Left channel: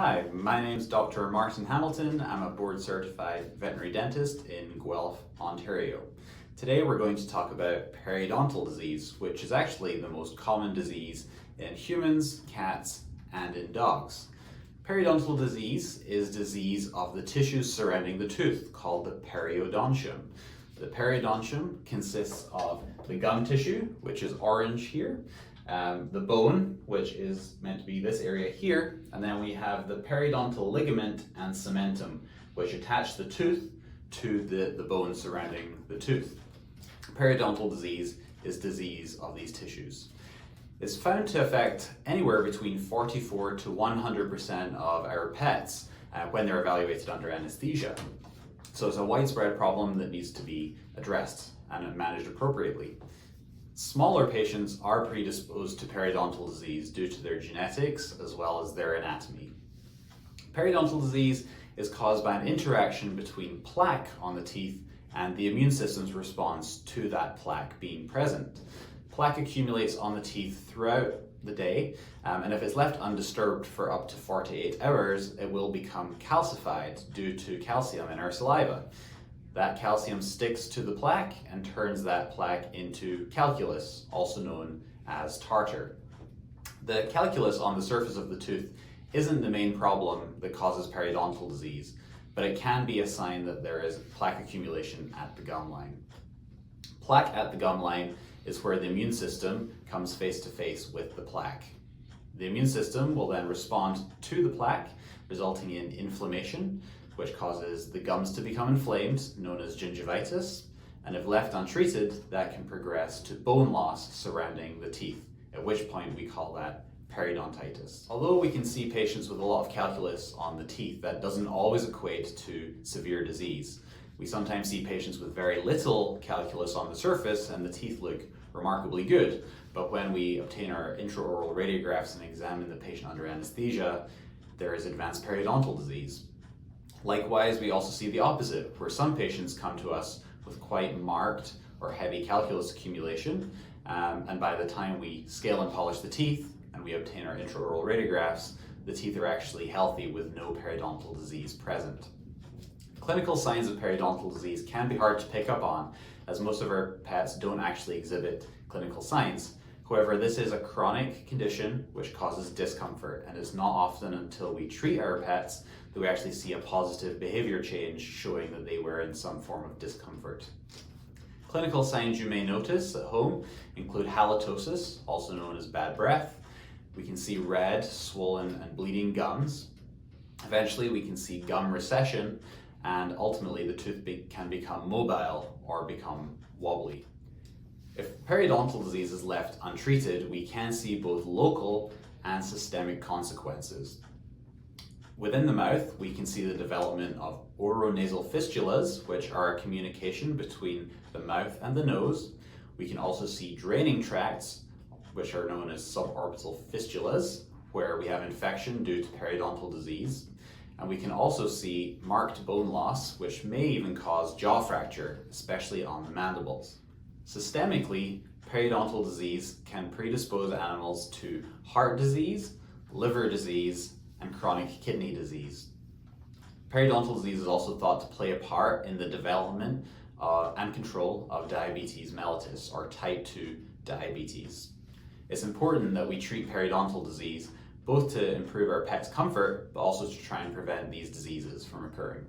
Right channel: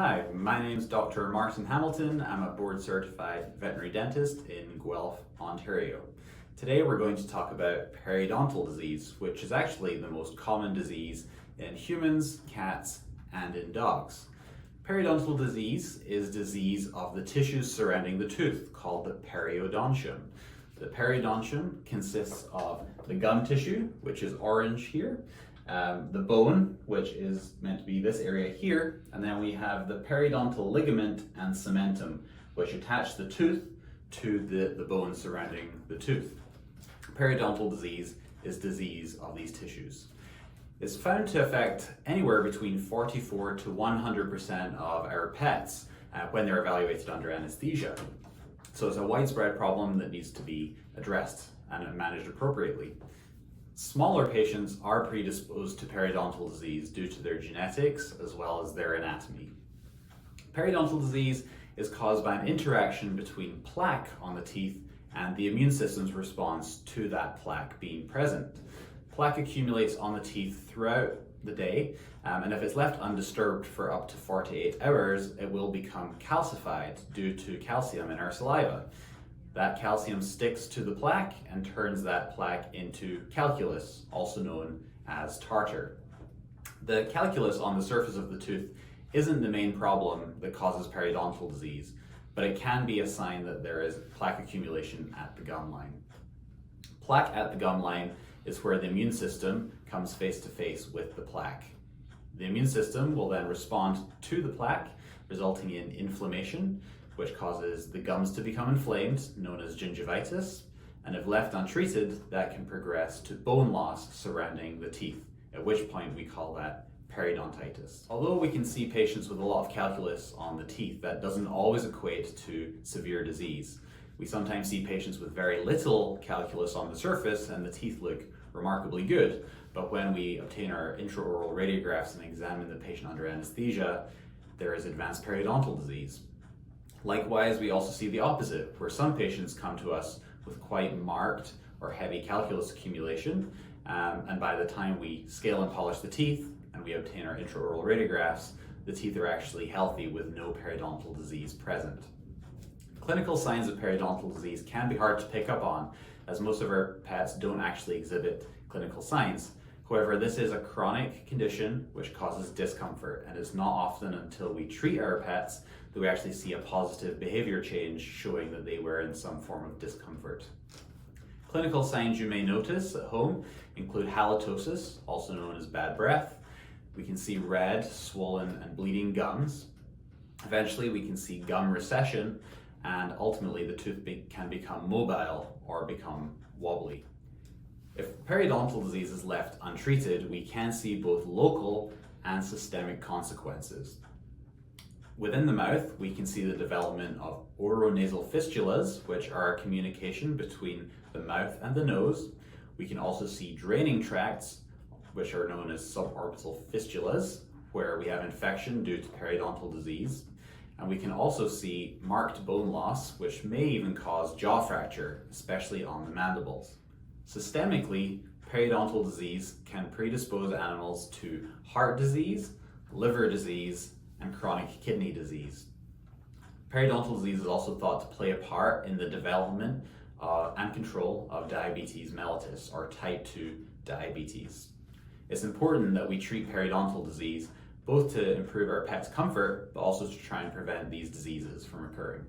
Hi, my name is Dr. Martin Hamilton. I'm a Board Certified Veterinary Dentist in Guelph, Ontario. Today we're going to talk about periodontal disease, which is actually the most common disease in humans, cats, and in dogs. Periodontal disease is disease of the tissues surrounding the tooth, called the periodontium. The periodontium consists of the gum tissue, which is orange here, the bone, which is meant to be this area here, and then we have the periodontal ligament and cementum, which attach the tooth to the bone surrounding the tooth. Periodontal disease is disease of these tissues. It's found to affect anywhere between 44 to 100% of our pets when they're evaluated under anesthesia. So it's a widespread problem that needs to be addressed and managed appropriately. Smaller patients are predisposed to periodontal disease due to their genetics as well as their anatomy. Periodontal disease is caused by an interaction between plaque on the teeth and the immune system's response to that plaque being present. Plaque accumulates on the teeth throughout the day, and if it's left undisturbed for up to 48 hours, it will become calcified due to calcium in our saliva. That calcium sticks to the plaque and turns that plaque into calculus, also known as tartar. The calculus on the surface of the tooth isn't the main problem that causes periodontal disease, but it can be a sign that there is plaque accumulation at the gum line. Plaque at the gum line is where the immune system comes face to face with the plaque. The immune system will then respond to the plaque, resulting in inflammation, which causes the gums to become inflamed, known as gingivitis, and if left untreated, that can progress to bone loss surrounding the teeth, at which point we call that periodontitis. Although we can see patients with a lot of calculus on the teeth, that doesn't always equate to severe disease. We sometimes see patients with very little calculus on the surface and the teeth look remarkably good, but when we obtain our intraoral radiographs and examine the patient under anesthesia, there is advanced periodontal disease. Likewise, we also see the opposite, where some patients come to us with quite marked or heavy calculus accumulation, and by the time we scale and polish the teeth and we obtain our intraoral radiographs, the teeth are actually healthy with no periodontal disease present. Clinical signs of periodontal disease can be hard to pick up on, as most of our pets don't actually exhibit clinical signs. However, this is a chronic condition which causes discomfort, and it's not often until we treat our pets that we actually see a positive behavior change showing that they were in some form of discomfort. Clinical signs you may notice at home include halitosis, also known as bad breath. We can see red, swollen, and bleeding gums. Eventually, we can see gum recession, and ultimately the tooth can become mobile or become wobbly. If periodontal disease is left untreated, we can see both local and systemic consequences. Within the mouth, we can see the development of oronasal fistulas, which are a communication between the mouth and the nose. We can also see draining tracts, which are known as suborbital fistulas, where we have infection due to periodontal disease. And we can also see marked bone loss, which may even cause jaw fracture, especially on the mandibles. Systemically, periodontal disease can predispose animals to heart disease, liver disease, and chronic kidney disease. Periodontal disease is also thought to play a part in the development and control of diabetes mellitus, or type 2 diabetes. It's important that we treat periodontal disease both to improve our pet's comfort, but also to try and prevent these diseases from occurring.